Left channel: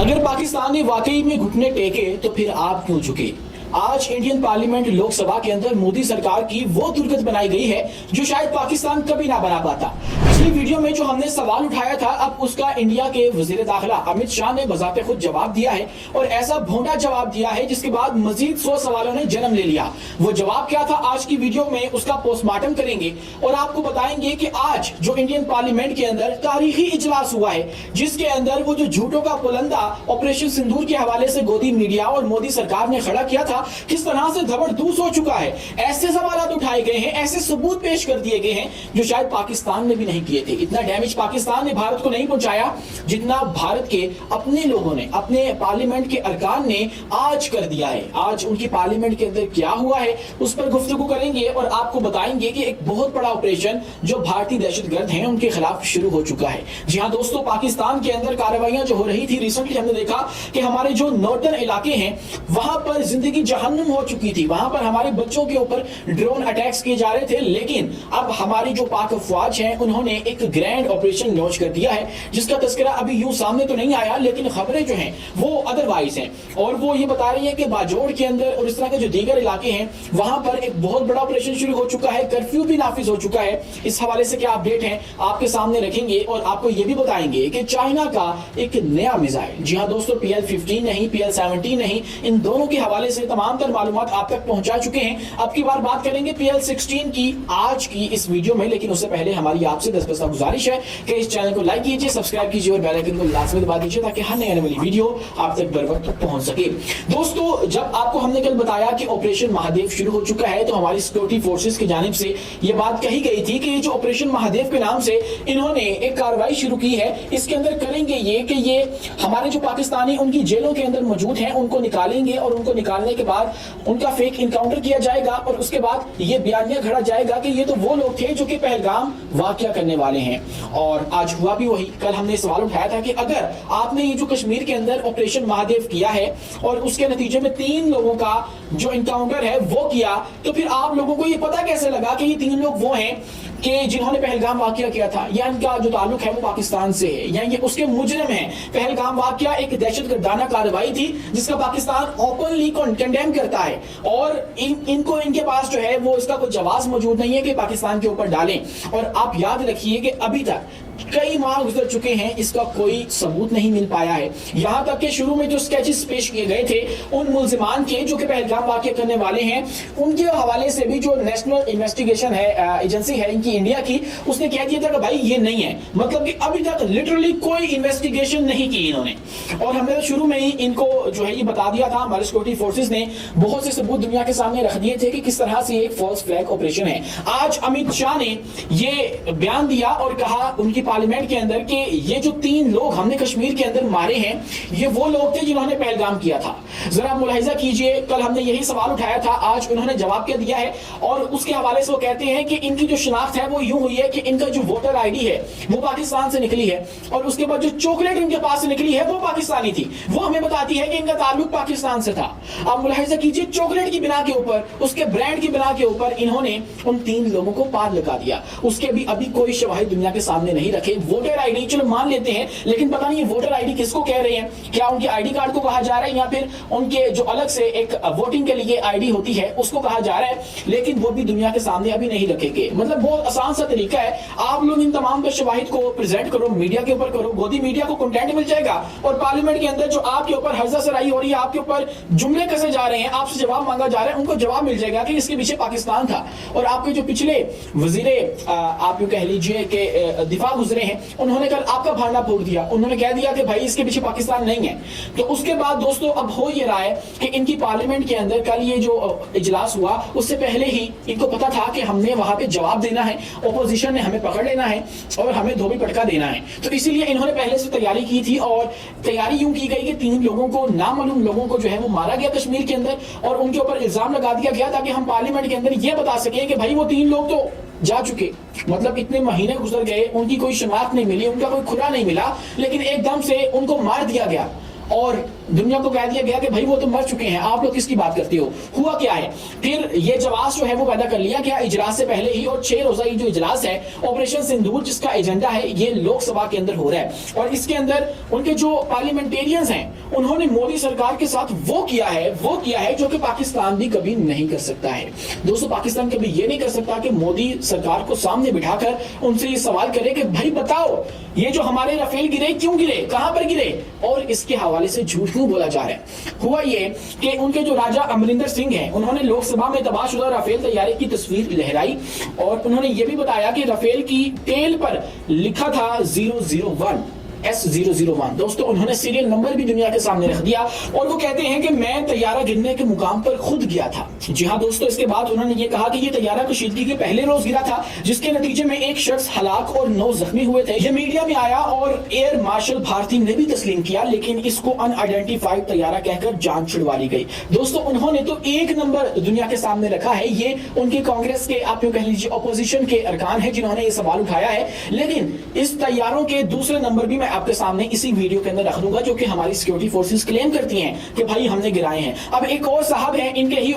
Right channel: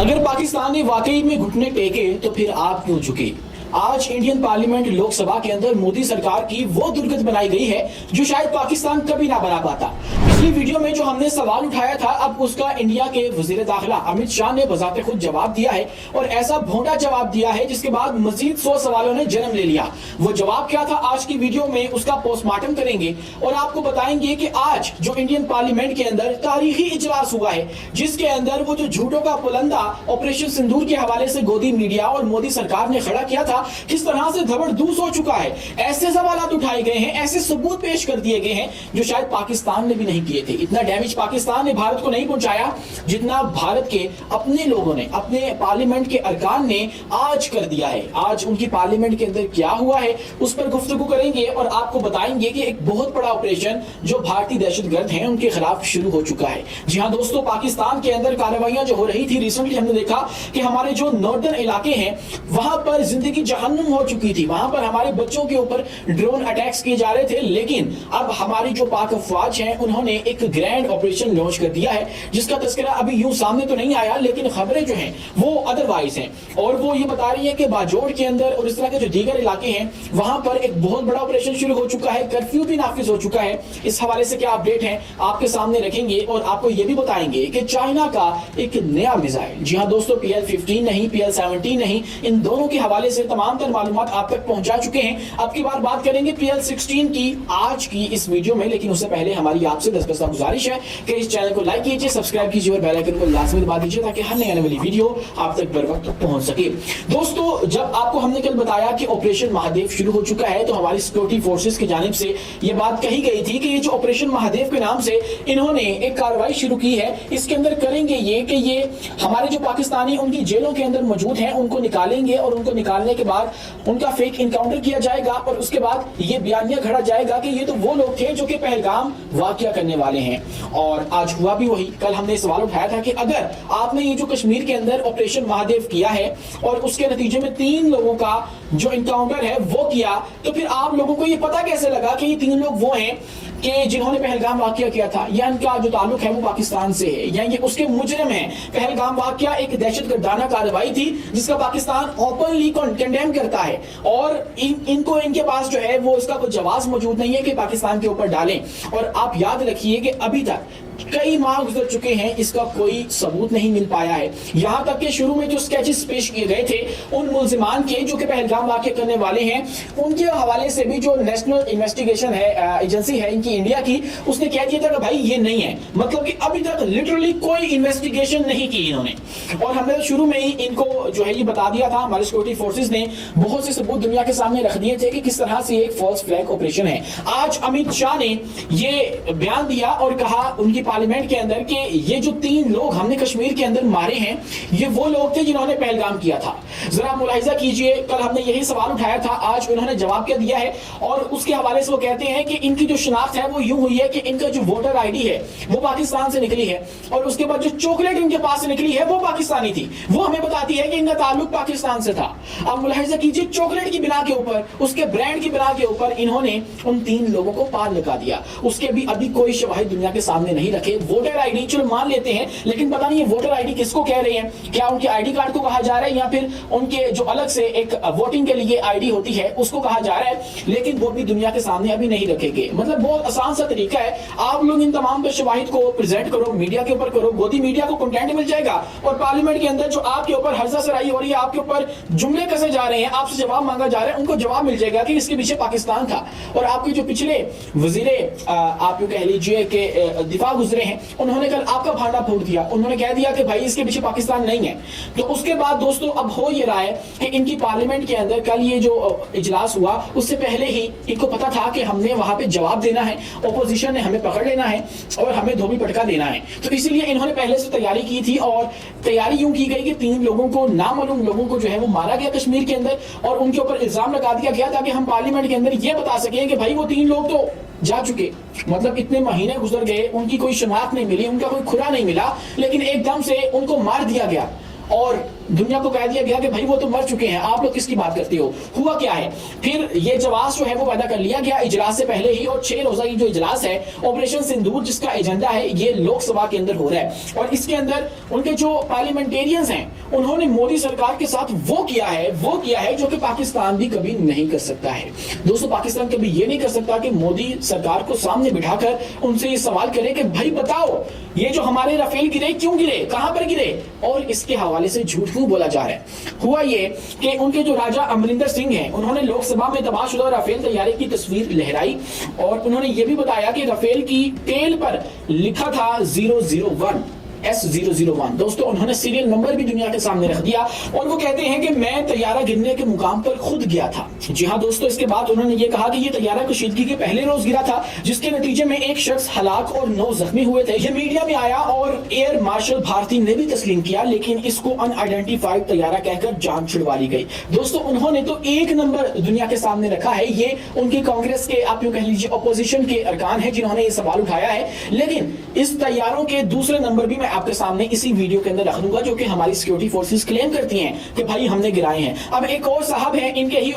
अगर पाकिस्तान ने वाकई में घुटने टेके तो फिर आप क्यों झुके। आज इंडियन पार्लियामेंट लोकसभा के अंदर मोदी सरकार की वो दुर्गत बनाई गई है जो शायद पाकिस्तान कभी ना बना पाता। पिछली वीडियो में जो हमने सवाल उठाया था, अब उसका इंडिया के वजीर दाखिला अमित शाह ने बजाते खुद जवाब दिया है और ऐसा भोंडा जवाब दिया है जिसके बाद मजीद 100 सवालों ने जन्म ले लिया। वो जवाब क्या था, आज की वीडियो में उसका पोस्टमार्टम करेंगे और आपको बताएंगे कि आज जो इंडियन पार्लियामेंट के अंदर तारीखी इजलास हुआ है, जिसके अंदर वो जो झूठों का पुलंदा ऑपरेशन सिंदूर के हवाले से गोदी मीडिया और मोदी सरकार ने खड़ा किया था, किस तरह से धबरदूस हो चुका है। ऐसे सवाल उठाए गए हैं, ऐसे सबूत पेश कर दिए गए हैं जो शायद पाकिस्तान ने भी नहीं किए थे। इतना डैमेज पाकिस्तान ने भारत को नहीं पहुंचाया जितना भारत के अपने लोगों ने, अपने पार्लियामेंट के अरकान ने आज कर दिया है। आज उनकी पार्लियामेंट के अंदर क्या हुआ है उस पर गुफ्तगू करेंगे और आपको बताएंगे कि एक बहुत बड़ा ऑपरेशन जो भारतीय दहशतगर्द हैं उनके खिलाफ शुरू हो चुका है। जी हाँ दोस्तों, पाकिस्तान के अंदर कार्रवाइयां जो हो रही थी, रिसेंटली हमने देखा कि हमारे जो नॉर्दर्न इलाके हैं वहां पर जिंदगी जहन्नुम हो चुकी थी। वहां पर हमारे बच्चों के ऊपर ड्रोन अटैक्स किए जा रहे थे, लेकिन अब हमारी जो पाक अफवाज हैं उन्होंने एक ग्रैंड ऑपरेशन लॉन्च कर दिया है जिसका तस्करा अभी यूं सामने तो नहीं आया, लेकिन खबरें जो हैं वो अदरवाइज हैं और वो ये बता रही है कि बाजोड़ के अंदर और इस तरह के जो दीगर इलाके हैं वहां पर एक बहुत बड़ा ऑपरेशन शुरू हो चुका है, कर्फ्यू भी नाफिज हो चुका है। इस हवाले से क्या अपडेट है आपके सामने रखेंगे और आपको ये भी बताएंगे कि चाइना का एक नया मिसाइल, जी हाँ दोस्तों, PL-15 नहीं, PL-17 नहीं, इन दोनों के हवाले से तमाम तर मालूमात आप तक पहुंचा चुके हैं। अब की बार बात करेंगे PL-16 की आज की इस वीडियो में, लेकिन उससे पहले हमारी आपसे 10 गुजारिश है कि इस चैनल को लाइक कीजिए, सब्सक्राइब कीजिए और बेल आइकन को लाजमी दबा दीजिए ताकि हर नई आने वाली वीडियो आप तक बर वक्त पहुंच सके। दोस्तों, जब आपको हमने कल बताया कि ऑपरेशन महादेव शुरू हो चुका है तो हमारी सिक्योरिटी फोर्सेस की जानिब से ये बात कही गई थी कि ये जो ऑपरेशन महादेव के नाम से इन्होंने एक कार्रवाई शुरू की है, इसके अंदर करेंगे ये कि ये हमारे जो पाकिस्तानी उनकी जेलों के अंदर मौजूद हैं उनको निकालेंगे और उनको निकालने के बाद उनका फेक इनकाउंटर किया जाएगा और उसके बाद ये बयानिया घड़ा जाएगा कि ये तो वो लोग थे जो कि पहलगाम वाकया करने वाले हैं। और आज हुआ भी वही। कल हमने सवाल उठाया था कि अगर आपने ये जो कश्मीर के अंदर ऑपरेशन महादेव किया है और उसके नतीजे में 3 लोगों का जो इनकाउंटर है वो किया, तो फिर आप लोगों को ये पता कैसे लगा कि ये 3 लोग वो हैं कि जिन्होंने पहलगाम वाकया किया था, या इनका जो ताल्लुक है वो पाकिस्तान से है, या ये उसके मुजरिम हैं। पहलगाम वाकया एक दहशतगर्दाना कार्रवाई थी जिसका पाकिस्तान ओपनली कंडेम करता है और इनको इनके पास जो है वो इसका कोई जवाब मौजूद नहीं है कि पाकिस्तान के ऊपर डालें। और आप याद रखिए कि अभी तक कई माह गुजर चुके हैं, इसका कोई सबूत नहीं मिल पाया है। यहां तक कि शुरू में जो स्केचेस पेश किए गए थे उन मुल्जिमान के जो कि पहलगाम वाकया करने वाले हैं, उनके हवाले से भी जो नेशनल इन्वेस्टिगेशन है एजेंसी है इनकी इंडिया की, उसने कह दिया था कि भाई ये नहीं है। मतलब कि अभी तक लिटरली कोई इन्वेस्टिगेशन नहीं की इन्होंने। और हमने तो शुरू में ही इनको जो है ये बता दिया था, हमारी सिक्योरिटी फोर्सेस ने बहुत से सबूत दुनिया के सामने रख दिए थे कि किस तरह से एक फॉल्स फ्लैग ऑपरेशन है। आज अमित शाह ने ये बयान दिया और कहा उनकी पार्लियामेंट के अंदर कि ये जो 3 लोग हमने कश्मीर के अंदर मारे हैं ये वो लोग थे जिन्होंने पहलगाम किया था। जरा मुलाहिजा कीजिए, कल हमने यही सवाल उठाया था, आज उन्होंने जवाब क्या दिया है और उसके हवाले से वो कहते हैं कि इनकी जो शनाख्त है वो यूं हुई है कि इनका जो वोटर आईडी है वो पाकिस्तान से निकली है और उसके बाद जो चॉकलेट इनके पास से निकली है वो पाकिस्तानी थी, वो हमें बताती है कि इनका ताल्लुक पाकिस्तान से था। अब मुलाहिजा कीजिए, चॉकलेट की बिना के ऊपर, उसके ब्रांड की बिना के ऊपर इन्होंने उन 3 लोगों को पार लगा दिया। उसके भी अभी कोई शवाहिद दुनिया के सामने नहीं रखे। वोटर आईडी चलो मान लेते हैं, लेकिन पता नहीं ये वोटर आईडी किसको कह रहे हैं, क्या उनके आईडी कार्ड को कहा जा रहा है या फिर उनके जो अलग से एक वोटिंग के लिए आईडी होती है उसको कहा जा रहा है, लेकिन वो भी दुनिया के सामने अभी नहीं रखेंगे। मतलब बहुत आसान सा तरीका है, आप लोग इन तमाम शवाहिद को प्रेजेंट करो, मीडिया के ऊपर करो, गोदी मीडिया को कंटेंट मिल जाएगा और पार्लियामेंट के अंदर जो आपके ऊपर हर्जा सराई हो रही है, आपके ऊपर जुमले कसे जा रहे हैं, आपसे जवाब मांगा जा रहा है, उनको जवाब मिल जाएगा कि इसके पीछे पाकिस्तान था। और आपके जो पिछले वजीरे आप कह लीजिए कि दिफा गुजरे हैं, उन्होंने कल आपका भांडा फोड़ दिया, उन्होंने कह दिया कि भाई इसके पीछे पाकिस्तान नहीं है। तो उसके बाद दोस्तों अब हो ये रहा है कि इनकी पार्लियामेंट के अंदर कल ये जो इजलास हुआ उससे पहले ही इनको पता था कि हमने वहां पे जवाब देना है, ऑपोजिशन ने हमें पकड़ लेना है और हमें धोबी पटका देना है। तो इसीलिए इन्होंने पहले से तैयारी की थी और तैयारी यूं की गई कि 3 लोगों को, नामालूम लोगों को जो है वो मारा गया कश्मीर के अंदर और उनके ऊपर इल्जाम लगा दिया गया ताकि हम पार्लियामेंट के अंदर ये बता सके कि भाई वो 3 लोग तो जा चुके। मतलब इतने महीने गुजर गए, उनकी कोई शनाख्त नहीं मिली, उनका कोई खुरा नहीं मिला, लेकिन एकदम से उनको मार दिया गया। اور دنیا کو کہہ دیا گیا کہ بھائی وہ تو مر چکے ہیں, آپ لوگ کس کی بات کرتے ہو. ہوا کیا ہے, پھر یہ جواز جو ہے وہ پیدا کر لیا گیا اجلاس سے پہلے ہی, اور 6 روزہ جو اجلاس ہے آپریشن سندور جس کا ایجنڈا ہے یہ لوک سبھا کے اندر ہو رہا ہے, اور اس کے اندر ان کے جو پارلیمنٹیرینز ہیں انہوں نے مودی سرکار کے ساتھ وہ کیا ہے جو کہ پاکستان بھی کبھی نہیں کر سکتا ہے. دوستو پاکستان کبھی یہ نہیں کر سکتا کہ مودی سرکار کو سامنے بٹھا کر ان سے یہ سوال کرے کہ بھائی بتاؤ یہ جو ہمارے رافیل گرے کیوں گرے, کہاں پر گرے, اور اس کے حوالے سے جھوٹ کیوں بولا جا رہا ہے. ہوا یہ کہ ان کے جو راجہ امرندر سنگھ ہیں انہوں نے لوک سبھا میں تباہ شدہ رافیل طیارے کی تصویر لہرائی, اور انہوں نے یہ بھی بتایا کہ رافیل کی ٹیل پر لکھا تھا 001 S001. دوستو انہوں نے سیریل نمبر بھی دنیا کے سامنے رکھ دیا, اور وہ کہتے ہیں کہ میں طیارہ گرنے کے مقام پر خود گیا تھا. جی ہاں دوستو, اس کے بعد انہوں نے یہ کہا کہ یہ طیارہ کشیدگی کے پہلے روز گرا تھا جس کے نتیجے میں 1 شخص ہلاک اور 9 زخمی ہوئے تھے. یہ میڈیا میں آیا اور ایئر مارشل بھارتی نے بھی تسلیم کیا, لیکن اس کو ان آئیڈینٹیفائڈ طیارہ کہہ کر جان چھڑوا لی گئی. دوستو انہوں نے تو 1 نمبر دنیا کے سامنے رکھا ہے, یہ ان کی کانگریس کے آپ یوں کہہ لیجیے اپوزیشن کے ارکان ہیں جنہوں نے یہ سوال اٹھایا ہے, لیکن اس طیاروں کے دوسرے نمبر بھی میں آپ کے سامنے اسی ویڈیو کے اندر رکھ دوں گا جو کہ ہماری سیکیورٹی فورسز کلیم کرتی ہیں کہ بھائی ہم نے گرائے ہیں. اب ایک اور صاحب ہیں ان کے ہی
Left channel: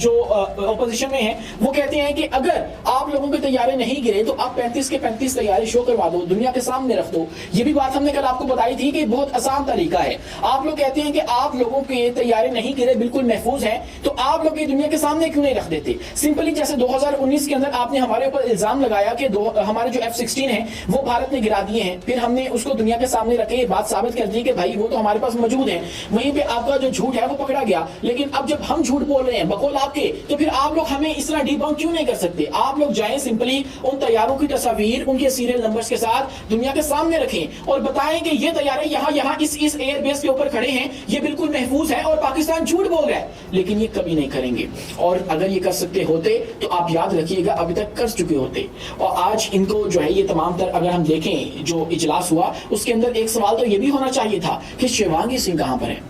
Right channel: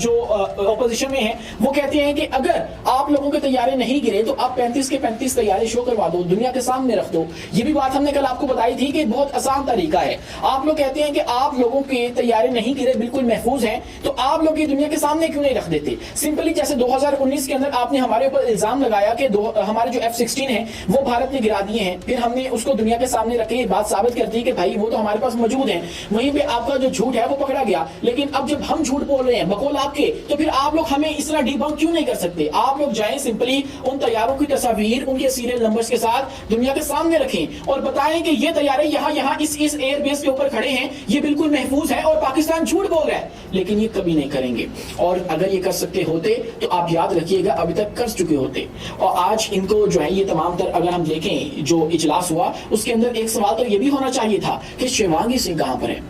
جو اپوزیشن میں ہیں, وہ کہتے ہیں کہ اگر آپ لوگوں کے طیارے نہیں گرے تو آپ 35 کے 35 طیارے شو کروا دو, دنیا کے سامنے رکھ دو. یہ بھی بات ہم نے کل آپ کو بتائی تھی کہ بہت آسان طریقہ ہے. آپ لوگ کہتے ہیں کہ آپ لوگوں کے طیارے نہیں گرے, بالکل محفوظ ہیں, تو آپ لوگ یہ دنیا کے سامنے کیوں نہیں رکھ دیتے. سمپلی جیسے 2019 کے اندر آپ نے ہمارے اوپر الزام لگایا کہ ہمارے جو F-16 ہیں وہ بھارت نے گرا دیے ہیں, پھر ہم نے اس کو دنیا کے سامنے رکھے یہ بات ثابت کر دی کہ بھائی وہ تو ہمارے پاس موجود ہیں, وہیں پہ آپ کا جو جھوٹ ہے وہ پکڑا گیا. لیکن اب جب ہم جھوٹ بول رہے ہیں بقول آپ کے, تو پھر آپ لوگ ہمیں اس طرح ڈی بنک کیوں نہیں کر سکتے. آپ لوگ جائیں سمپلی ان طیاروں کی تصاویر ان کے سیریل نمبرز کے ساتھ دنیا کے سامنے رکھیں اور بتائیں کہ یہ طیارے یہاں اس ایئر بیس کے اوپر کھڑے ہیں, یہ بالکل محفوظ ہے اور پاکستان جھوٹ بول رہا ہے. لیکن یہ کبھی نہیں کریں گے, اور اگر یہ کر سکتے ہوتے تو آپ یاد رکھیے گا ابھی تک کر چکے ہوتے. اور آج ان کو جو ہے یہ تمام تر اگر ہم دیکھیں جو اجلاس ہوا اس کے اندر ایک سوال تو یہ بھی ہونا چاہیے تھا کہ شیوانگی سنگھ کہاں پر ہے.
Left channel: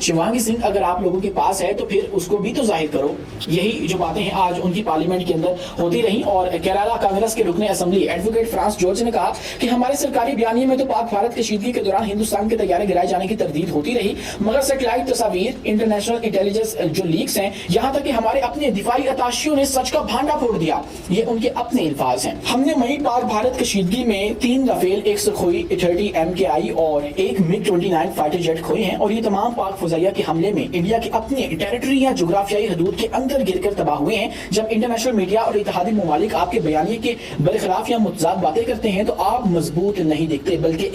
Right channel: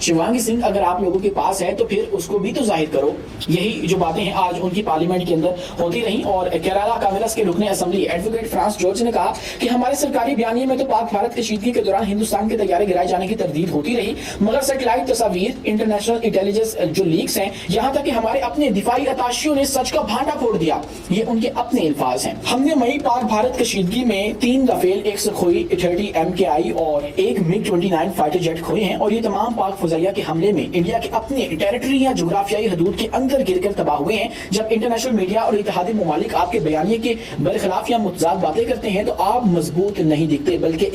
شیوانگی سنگھ اگر آپ لوگوں کے پاس ہے تو پھر اس کو بھی تو ظاہر کرو. یہی جو باتیں ہیں آج ان کی پارلیمنٹ کے اندر ہوتی رہیں, اور کیرالا کانگریس کے رکن اسمبلی ایڈوکیٹ فرانس جارج نے کہا کہ ہمارے سرکاری بیانیے میں تو پاک بھارت کشیدگی کے دوران ہندوستان کے طیارے گرائے جانے کی تردید ہوتی رہی, مگر سیٹلائٹ تصاویر انٹرنیشنل انٹیلیجنس جو لیکس ہیں, یہاں تک کہ ہمارے اپنے دفاعی اتاشیوں نے سچ کا بھانڈا پھوڑ دیا. یہ ان کے اپنے الفاظ ہیں. ہم نے وہیں پاک بھارت کشیدگی میں 3 رافیل, 1 سخوئی 30 MKI اور 1 MiG-29 فائٹر جیٹ کھوئے ہیں, اور یہ تمام پاک فضائیہ کے حملے میں انڈیا کے اپنے ٹیریٹری یا جغرافیائی حدود کے اندر گر کر تباہ ہوئے ہیں. جب انٹرنیشنل میڈیا اور اتحادی ممالک آپ کے بیانیے کے برخلاف یا متضاد باتیں کرتے ہیں تو آپ مضبوط نہیں دکھتے بلکہ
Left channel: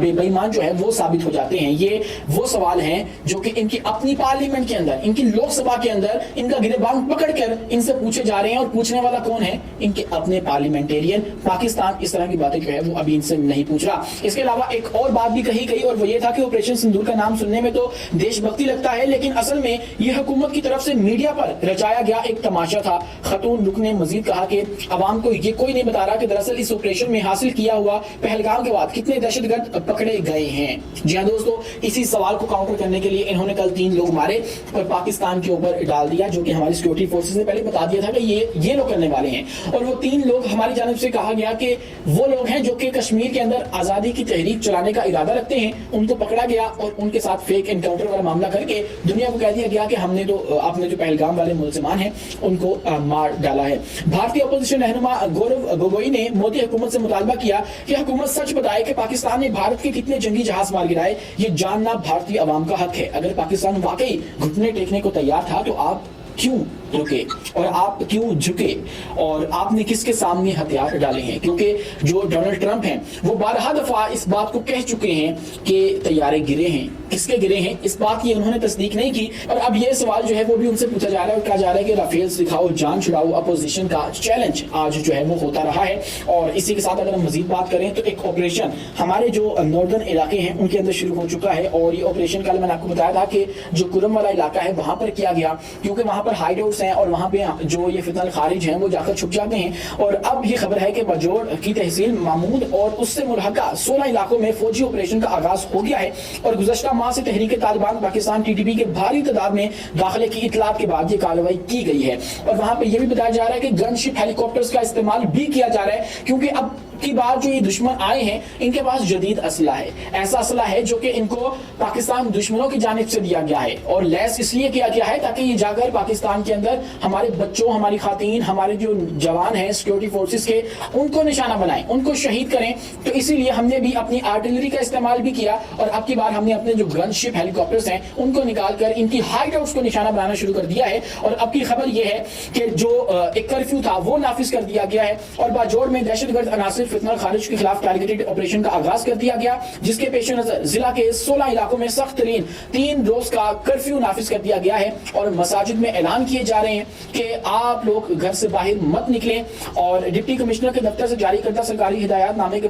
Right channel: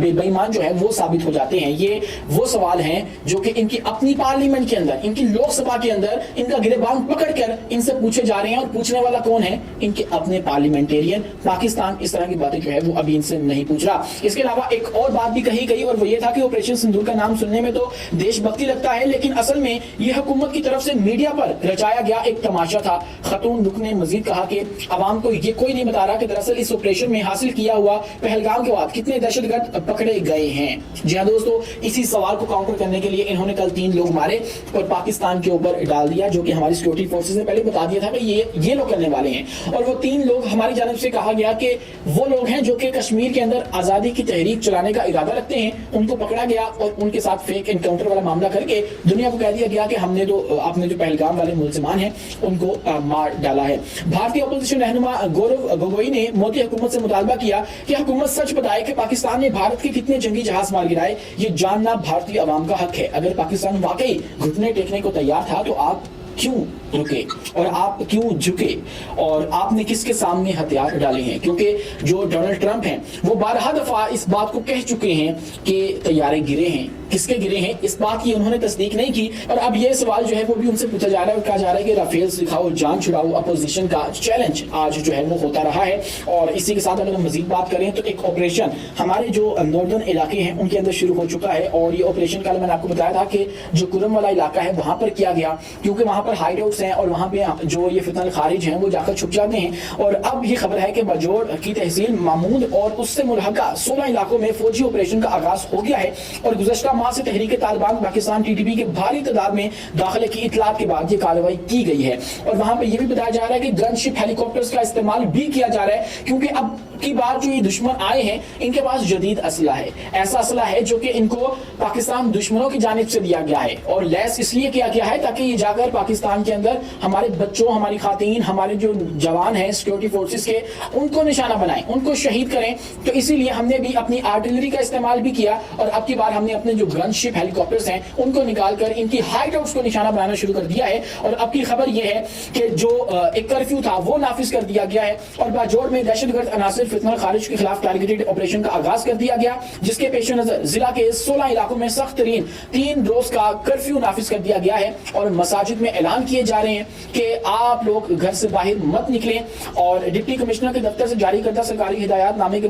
بے ایمان جو ہے وہ ثابت ہو جاتے ہیں. یہ وہ سوال ہیں جو کہ ان کی اپنی پارلیمنٹ کے اندر, ان کی لوک سبھا کے اندر ان کا گریبان پکڑ کر ان سے پوچھے جا رہے ہیں, اور پوچھنے والا کون ہے؟ ان کے اپنے پارلیمنٹیرین. پاکستان اس طرح کی باتیں جو ہے وہ ابھی ان سے نہیں پوچھ رہا. اس کے علاوہ ایک اور بات بھی کہی گئی, اور وہ یہ تھا کہ آپریشن سندور کا نام سننے میں تو دیش بھکتی لگتا ہے, لیکن اصل میں یہ حکومت کی طرف سے میڈیا پر رچایا گیا ایک تماشا تھا. خاتون رکن نے مزید کہا کہ عوام کو یہ کوئی نہیں بتا رہا کہ دراصل اس آپریشن میں حاصل کیا ہوا پہلگام کے بعد کتنے دہشت گرد پکڑے گئے ہیں. جی ہاں دوستو, اسی سوال کو کاؤنٹر کرنے کے لیے انہوں نے کل 3 لوگ مارے اور پاکستان کے اوپر ڈال دیا, جو کہ ہماری سیکورٹی فورسز نے پہلے بتا دیا تھا کہ یہ لوگ کرنے والے ہیں. اور وہ 3 لوگ ہماری جانب سے کہا گیا کہ وہ لوگ ہیں جو کہ کشمیر کے اندر آزادی کی تحریک چلانے کا ارادہ رکھتے ہیں. ان کو پکڑا گیا اور ان کے ساتھ فیک انکاؤنٹر والا معاملہ کر کے دنیا کو کہہ دیا گیا کہ ہم نے آپ نے جو پہلگام والے ملزمان ہیں ان کو مار ڈالا ہے. بھارتی اپوزیشن رہنما گورو گوگوئی نے مودی حکومت سے مطالبہ کیا کہ حکومت سچ بتائے کہ پاکستان نے بھارت کے کتنے جنگی جہاز مار گرائے. یہ جاننا بھارتی عوام کا حق ہے. اگر پاکستان واقعی گھٹنے ٹیکنے کو تیار تھا تو آپ کیوں رکے اور آپ کیوں جھکے, اور آپ نے کس کے سامنے ہتھیار ڈالے ہیں؟ کیونکہ جو ڈونلڈ ٹرمپ ہیں وہ 12 دفعہ اس بات کو کہہ چکے ہیں کہ طیارے گرے ہیں. کس کے گرے ہیں اس بات کی انہوں نے تصدیق نہیں کی, اور اب یہ سوال جو ہے وہ بھی ان سے پوچھا جا رہا ہے اور کہا جا رہا ہے کہ رافیل دکھاؤ جان چھڑاؤ. اپوزیشن کا چیلنج آج جو ہے وہ ہوتا رہا ہے. اور اسی کے ساتھ اگر ہم مزید بات کریں تو ایک آپریشن ہمارے جو ناردرن علاقے ہیں ان کے اندر شروع ہو چکا ہے, اور یہ آپریشن کل میں نے آپ کو بتایا تھا کہ جو کرم والا علاقہ ہے وہاں پر کیا گیا, کیونکہ وہاں پر ہائیڈ آؤٹس ہیں اور وہاں پہ جو یہ فتنہ الخارج ہیں وہ جا کر چھپ جاتے ہیں. اور اب یہ خبر ہے کہ بجوڑ کی تحصیل محمود اور اس سے ملحقہ 16 علاقوں میں فوجی آپریشن کا آغاز ہو گیا ہے, اور گزشتہ ماہ سے تحریک طالبان پاکستان TTP کے بھاری تعداد میں داخلے کی اطلاعات کے بعد یہ کارروائی کی گئی ہے. اور وہاں پہ یہ بھی بتایا جا رہا ہے کہ گن شپ ہیلی کاپٹرز کا استعمال بھی کیا جا رہا ہے, کیونکہ اب की बार जो ये दुश्मन आए हैं इनके पास जदीद असला है, ऐसा असला है जो कि इनको पाकिस्तान दुश्मनों की जानिब से दिया गया है और लैस इसलिए किया गया है ताकि ये जाकर पाकिस्तान के अंदर हमारे बच्चों, हमारी खातीन, हमारे जो जवान हैं सिक्योरिटी फोर्सेस के, उनको निशाना बनाएं, उनको शहीद करें। तो इसीलिए हमने भी अपनी आर्टिलरी का इस्तेमाल भी किया और अब की बार हमने अपने जो गन शिप हेलीकॉप्टर्स हैं उनको निकालकर इनकी हाइट हाउस को निशाना बनाना शुरू कर दिया है। और अब की खबर यह है कि जो एक कर्फ्यू था वो नाफिज कर दिया गया है और बाजोड़ में दहशतगर्द अनासिर फितना खारिज के खिलाफ टारगेटेड ऑपरेशन का आगाज कर दिया गया, जिसके पेश नजर जिला के 16 इलाकों में सख्त तरीन 3 रोज का कर्फ्यू नाफिज कर दिया गया है और मसाजिद में ऐलान किए जा रहे हैं कि आप लोग घर से बाहर मत निकलें। और डिप्टी कमिश्नर के दफ्तर से जारी करदा सरकारी हिदायतनामे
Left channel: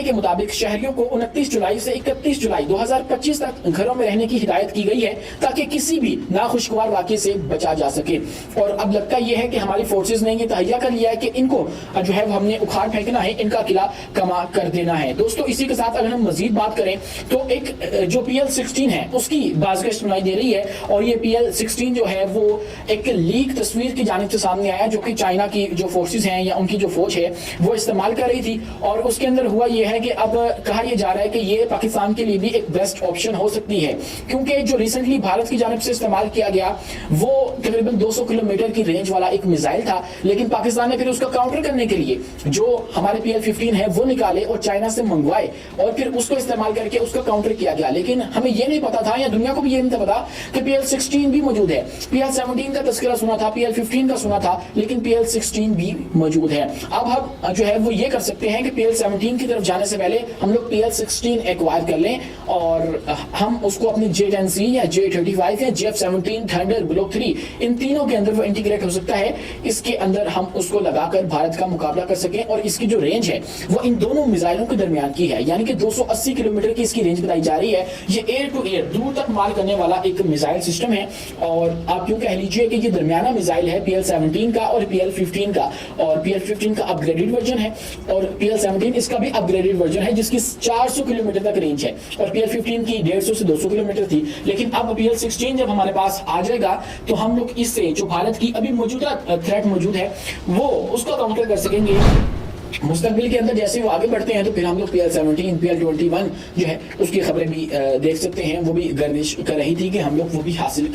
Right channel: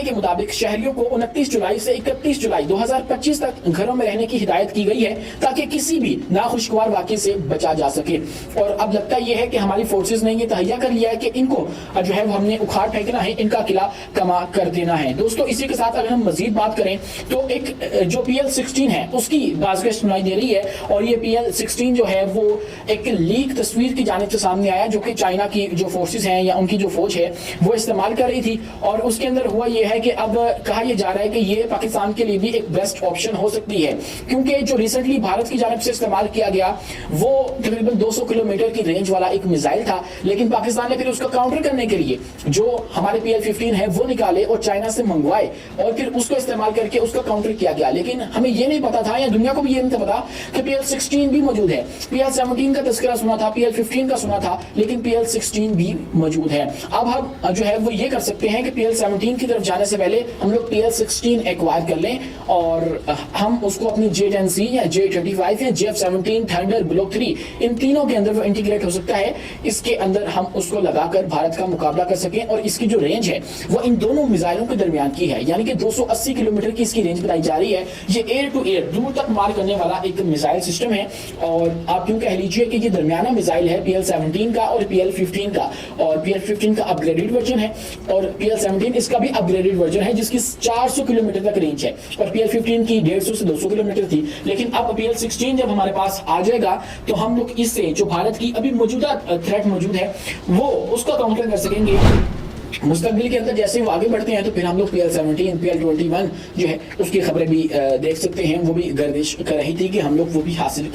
के मुताबिक शहरियों को 29 जुलाई से 31 जुलाई 2025 तक घरों में रहने की हिदायत की गई है ताकि किसी भी नाखुशगवार वाक़े से बचा जा सके। और अब लगता यह है कि हमारी फोर्सेस ने ये तहैया कर लिया है कि इनको जो है वो हमने उखाड़ फेंकना है, इनका किला कमा कर देना है। दोस्तों इसी के साथ अगर हम मजीद बात करें तो एक जो PL-16 है उसकी बाज़गश्त सुनाई दे रही है और ये PL-16 जो है वो एक लीक तस्वीर की जानिब से सामने आया जो कि चाइना की जो फोर्सेस हैं या उनकी जो फौज है वो इस्तेमाल कर रही थी। और उसके अंदर हुआ ये है कि अब कहा यह जा रहा है कि ये पाकिस्तान के लिए भी एक बेस्ट ऑप्शन हो सकती है, क्योंकि जो रिसेंटली भारत की जानिब से इस्तेमाल किया गया वो तकरीबन 200 किलोमीटर की रेंज वाला एक मिसाइल था, लेकिन पाकिस्तान ने फिर उसका काउंटर करने के लिए जो हमारे PL-15 है वो निकाले और चाइना से मंगवाए और फिर उसको इस्तेमाल करके उसका काउंटर किया गया। लेकिन हमें ये नहीं पता था या दुनिया को भी ये नहीं पता कि PL-16 भी मौजूद है। PL-17 का तस्करा सुना था, PL-15 का सुना था, लेकिन PL-16 भी मौजूद है। अब हम जो है वो ये कर सकते हैं कि PL-17 की तरफ जाने से पहले हम लोग PL-16 एक्वायर कर लें और हम उसको अपनी J-10C या J-25 या JF-17 थंडर ब्लॉक 3 इन तीनों के अंदर वो इंटीग्रेट हो सकता है। इसके अंदर हम उसको लगाकर भारत का मुकाबला कर सकें और इसकी जो रेंज है वो इन दोनों मिसाइलों के दरमियान की है, यानी कि 280 किलोमीटर की इसकी रेंज बताई जा रही है। ये एयर टू एयर दूर तक मार करने वाला एक मिसाइल सिस्टम है और आप यूं कह लीजिए कि ये दरमियाना मिसाइल है PL-17 का और PL-15 का, और PL-15 का अपग्रेडेड वर्जन है और PL-17 इसका भी अपग्रेडेड वर्जन है जिसकी 400 किलोमीटर तक रेंज है और PL-15 की 150 से 200 किलोमीटर थी। लेकिन अब PL-16 जब हमारे पास आ जाएगा तो हम लोग इससे जो भारत की अभी मौजूदा थ्रेट मौजूद है वो उसका काउंटर कर सकेंगे। मुस्तकबिल के अंदर जैसे वो आगे बढ़ते हैं तो फिर हम लोग PL-17 PL-21 जो है उसकी खबरें भी देख सकते हैं, वो भी गर्दिश कर रही थी कि हम लोग वो भी हासिल